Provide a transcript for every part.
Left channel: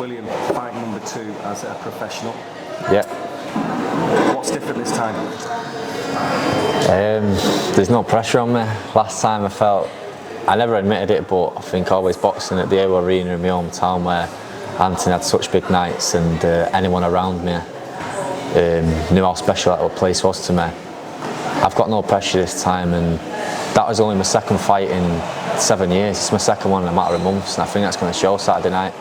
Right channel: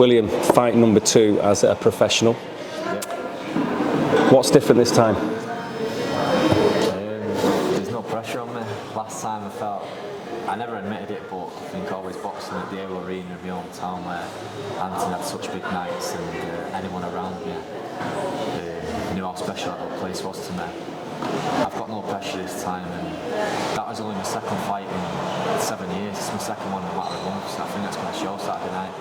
William, fight number 2 as a professional. Yeah. What's different this time? There's no pressure on me. Last time I never admitted it, but I think always boxing at the AO Arena in my hometown where Anthony had such big nights and anyone around me knew how special that place was to me. I've got no pressure this time, and that was only my second fight in 7 years. It's my second one in a matter of months, and I think that's going to show Saturday night.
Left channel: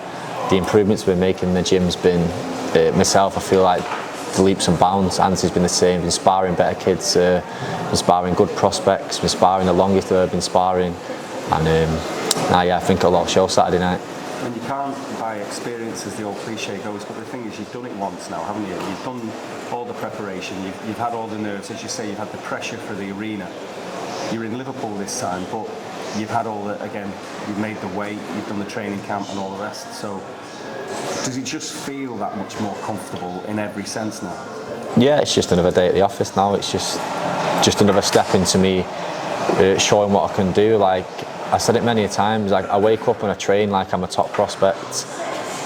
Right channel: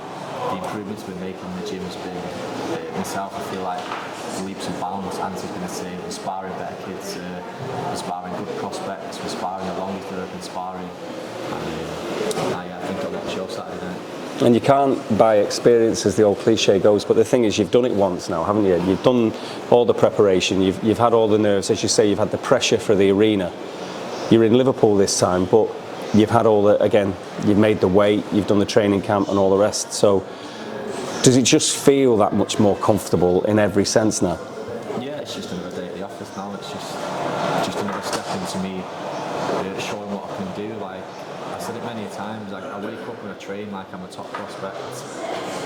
The improvements we're making in the gym's been, myself, I feel like the leaps and bounds. Anthony's been the same, been sparring better kids, been sparring good prospects, been sparring the longest I've been sparring, and yeah, I think it'll all show Saturday night. And you can't buy experience, as the old cliche goes, but the thing is, you've done it once now, haven't you? You've done all the preparation, you've had all the nerves, as you say, you've had the pressure for the arena. You're in Liverpool this time, but you've had all the, again, you've made the weight, you've done the training camp and all the rest. So does it just feel that much more comfortable in every sense now? Yeah, it's just another day at the office now. It's just another step into me showing what I can do. Like I said it many times, I wake up and I train like I'm a top prospect.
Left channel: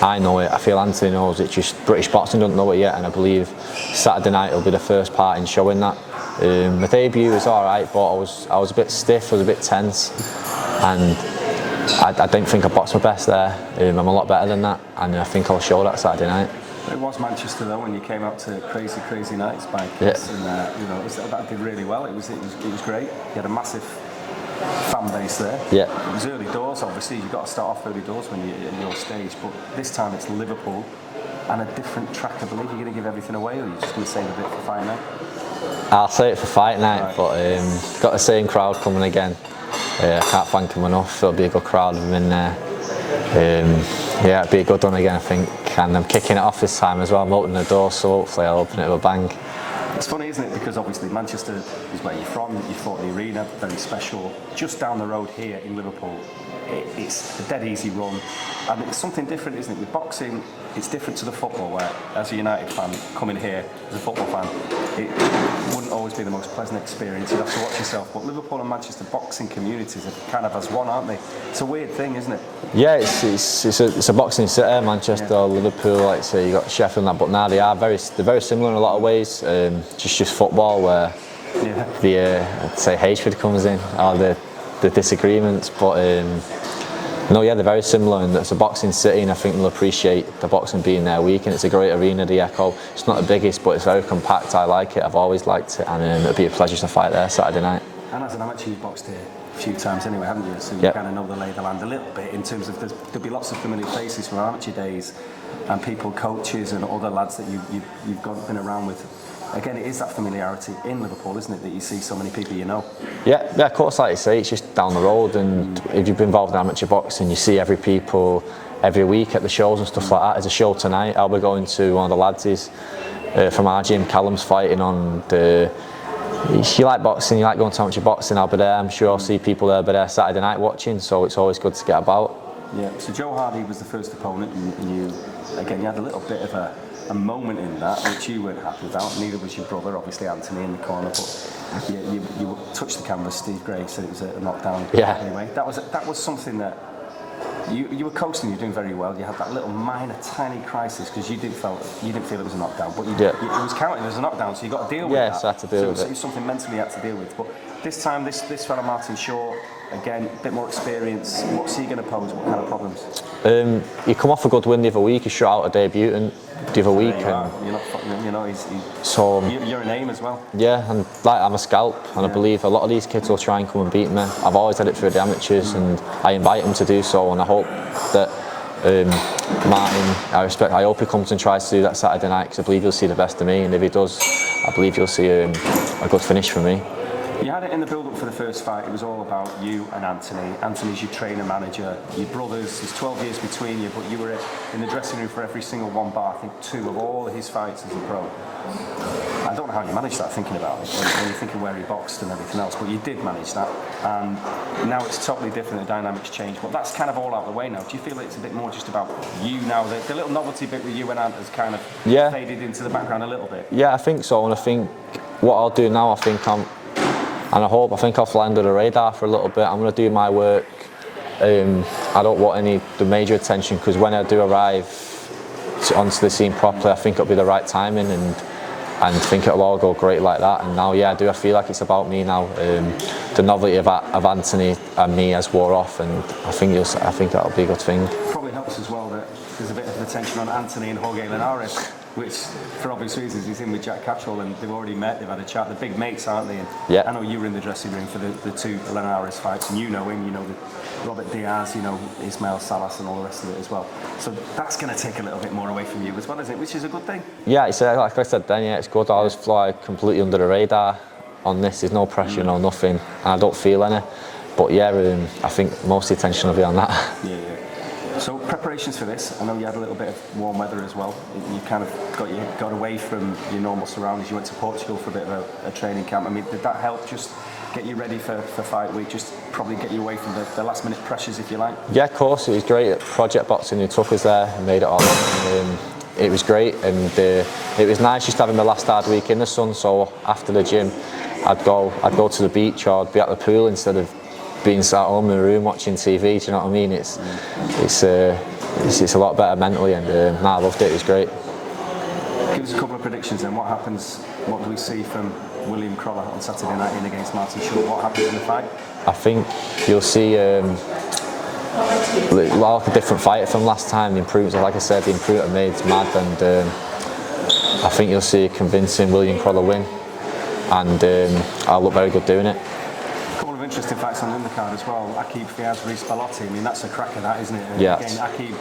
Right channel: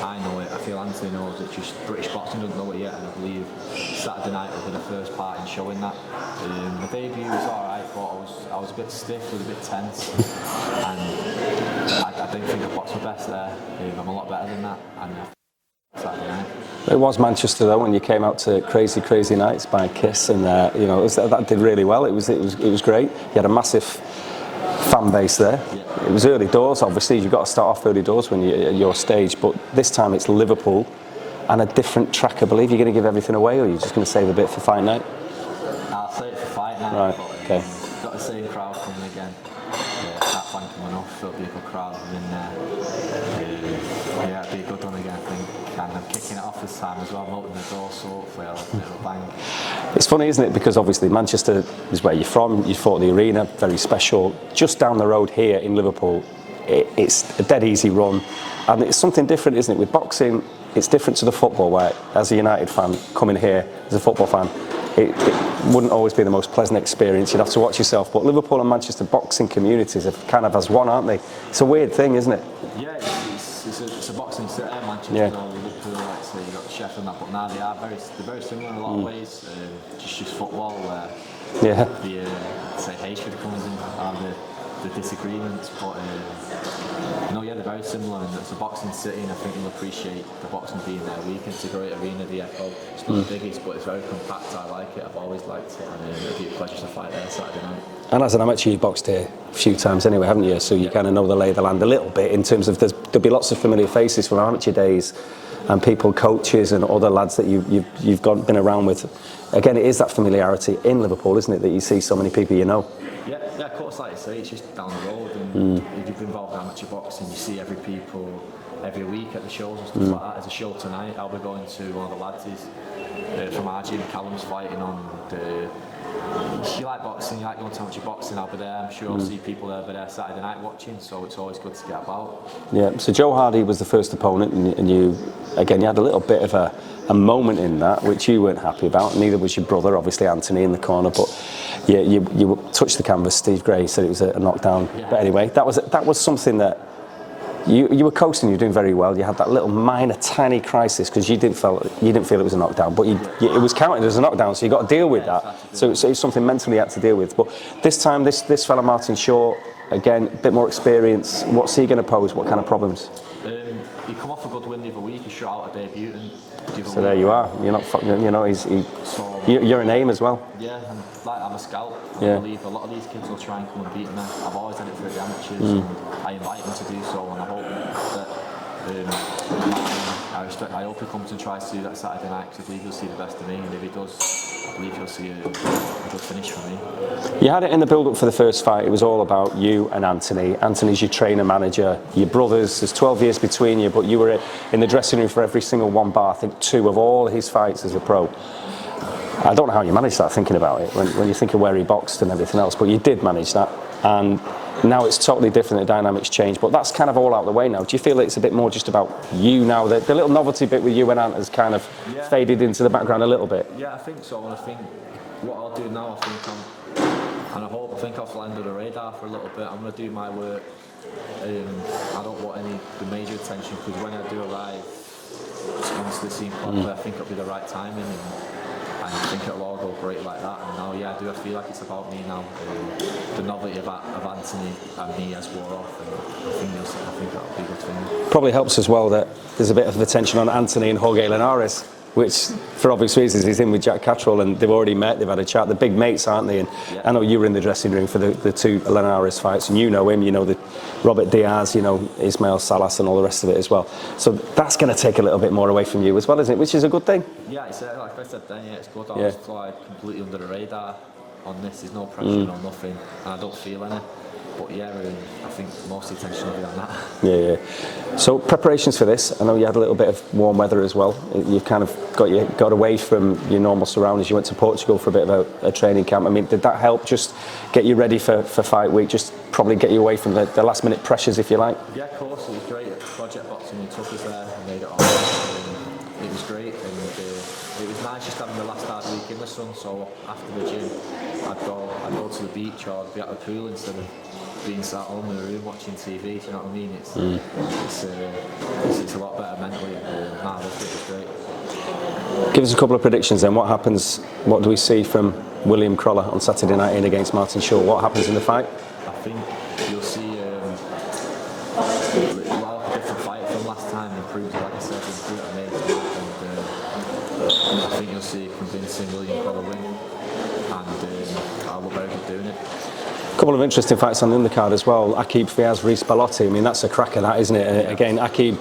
I know it, I feel Anthony knows it, just British boxing doesn't know it yet, and I believe Saturday night will be the first part in showing that. My debut was alright, but I was a bit stiff, I was a bit tense, and I didn't think I boxed my best there. I'm a lot better than that, and I think I'll show that Saturday night. It was Manchester though, when you came out to Crazy Crazy Nights by Kiss, yeah. And you know, that did really well. It was great. You had a massive fan base there. Yeah. It was early doors, obviously. You've got to start off early doors when you're at your stage, but this time it's Liverpool and a different track. I believe you're going to give everything away, or you're just going to save a bit for fight night? I'll save it for fight night, right. But got the same crowd coming again. I can't thank them enough. It'll be a good crowd of them in there. Yeah, it'll be a good one again, I think. And I'm kicking it off this time as well. I'm opening the door, so hopefully I'll open it with a bang. It's funny, isn't it? Because obviously Manchester is where you're from. You fought the arena, very special. Just down the road here in Liverpool, it's a dead easy run. And it's something different, isn't it? With boxing, it's different to the football, where as a United fan, coming here as a football fan, it wouldn't always be the most pleasant experience. You'd have to watch yourself. But Liverpool and Manchester boxing communities are kind of as one, aren't they? It's a weird thing, isn't it? Yeah, it's a boxing city, Manchester, yeah. Liverpool, like say you got Sheffield and that, but now they're very similar in a lot of ways. Just football where yeah. I'd say hatred comes in, or the disagreements, but no, yeah, they're very similar, and it's a boxing city, and I think they'll appreciate the boxing being there week, and it's a great arena, the Echo. It's not the biggest, but it's very compact. I like it, I've always liked it, and it'll be a pleasure to fight there Saturday night. And as an amateur, you've boxed here a few times anyway, haven't you? So you kind of know the lay of the land a little bit, in terms of there'll be lots of familiar faces from amateur days, and people, coaches and other lads that you've been around with. Again, it is that familiarity in Liverpool, isn't it, that you see so many people you know? Yeah, of course, like you say, it's just down the road, and if you've been involved in amateur boxing, you see every people every week at the shows and stuff like that. There's a show tonight, I'll be going to one of the lads from our gym, Callum's fighting on the... If you like boxing, you like going to amateur boxing, I'll be there. I'm sure I'll see people there, but Saturday night watching, so it's always good to get about. Yeah, so Joe Hardy was the first opponent, and you had a little bit of a moment in that which you weren't happy about. Neither was your brother, obviously Anthony, in the corner, but yeah, you touched the canvas. Steve Gray said it was a knockdown. Yeah. But anyway, that was something that you were coasting. You're doing very well. You had that little minor, tiny crisis because you didn't feel it was a knockdown, but it was counted as a knockdown, so you got to deal with that. So I had to deal so with it was something mentally you had to deal with. But this time, this fellow Martin Shaw, again, a bit more experience. What's he going to pose? What kind of problems? You come off a good win the other week. You shot out a debutant the other week. There you are. You're not fucking. You know, so you're a name as well. Yeah, and like I'm a scalp, and I believe a lot of these kids will try and come and beat me. I've always had it through the amateurs, and I invite them to do so, and I hope that Martin, I hope he comes and tries to do that Saturday night, because I believe he'll see the best of me, and if he does, I believe you'll see a good finish from me. You had it in the build-up for the first fight. It was all about you and Anthony. Anthony's your trainer, manager, your brothers. There's 12 years between you, but you were in the dressing room for every single one bar. I think 2 of all his fights as a pro. I don't know how you managed that, thinking about it, when you think of where he boxed and everything else, but you did manage that. And now it's totally different, the dynamics change, but that's kind of all out of the way now. Do you feel it's a bit more just about you now? The little novelty bit with you and Ant has kind of faded into the background a little bit? Yeah, I think so, and I think what I'll do now, I think I think I'll fly under the radar for a little bit. I'm going to do my work. I don't want the major attention, because when I do arrive onto the scene properly. I think it'll be the right timing, and I think it'll all go great like that. And now, I feel like it's about me now. The novelty of Anthony and me has wore off, and I think that'll be a good thing. Probably helps as well that there's a bit of attention on Anthony and Jorge Linares, which, for obvious reasons, he's in with Jack Catterall, and they've already met, they've had a chat. They're big mates, aren't they? And I know you were in the dressing room for the two Linares fights, and you know him, you know the Robert Diaz, you know Ismail Salas and all the rest of it as well. So that's going to take a little bit more away from you as well, isn't it? Which is a good thing. Yeah, like I said then, it's good. I always fly completely under the radar on this. There's no pressure, no nothing, and I don't feel any. But I think most of the attention will be on that. Yeah. So preparations for this, I know you had a little bit of warm weather as well. You've kind of got away from your normal surroundings. You went to Portugal for a bit of a training camp. I mean, did that help just get you ready for fight week? Just probably get you away from the last minute pressures, if you like? Yeah, of course. It was great. Project Boxing, who took us there and made it all. It was great, and it was nice just having my last hard week in the sun. So after the gym, I'd go to the beach or I'd be at the pool instead of being sat at home in my room watching TV. Do you know what I mean? It's a lot better mentally, and I loved it. It was great. Give us a couple of predictions then. What happens? What do we see from William Crolla on Saturday night in against Martin Shaw? What happens in the fight? I think you'll see a lot of different fighter from last time. The improvements, like I said, the improvement I made is mad, and I think you'll see a convincing William Crolla win, and I'll look very good doing it. A couple of interesting fights on the undercard as well. Akib Fiaz, Reece Bellotti. I mean, that's a cracker, that, isn't it? Again, Akib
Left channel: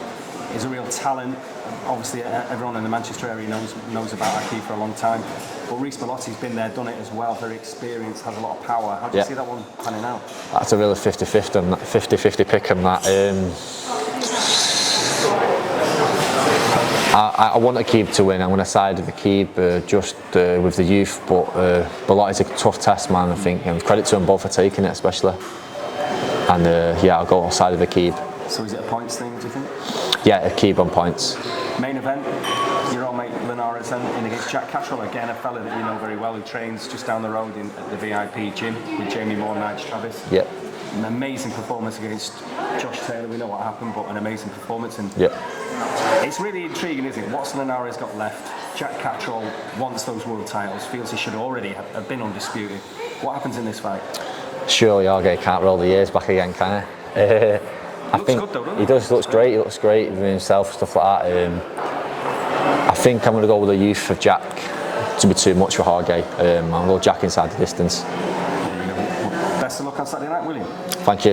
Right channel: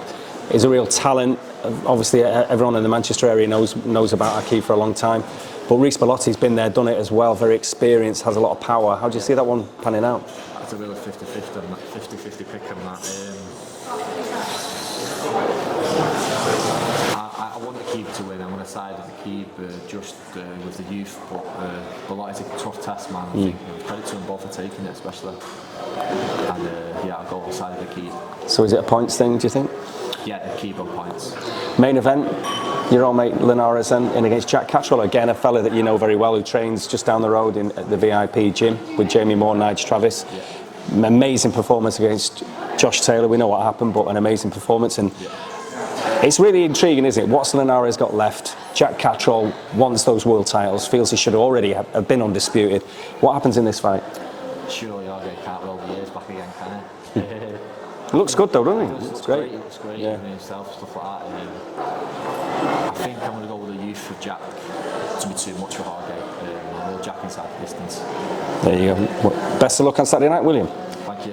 is a real talent. Obviously, everyone in the Manchester area knows about Akib for a long time. But Reece Bellotti's been there, done it as well. Very experienced, has a lot of power. How do you see that one panning out? That's a real 50-50 pick on that. I want Akib to win. I'm going to side with Akib just with the youth, but Bellotti's a tough test, man, I think. And credit to them both for taking it, especially. And I'll go side with Akib. So is it a points thing, do you think? Yeah, Akib on points. Main event, your old mate Linares in against Jack Catterall, again a fella that you know very well, who trains just down the road at the VIP gym with Jamie Moore and Nige Travis. Yeah. Amazing performance against Josh Taylor. We know what happened, but an amazing performance. And it's really intriguing, isn't it? What's Linares got left? Jack Catterall wants those world titles, feels he should already have been undisputed. What happens in this fight? Surely Jorge can't roll the years back again, can he? He looks good though, doesn't he? He does, looks great. He looks great with himself, stuff like that. I think I'm going to go with the youth of Jack. To be too much for Jorge. And we'll Jack inside the distance. There you go. Well, best of luck on Saturday night, William. Thank you.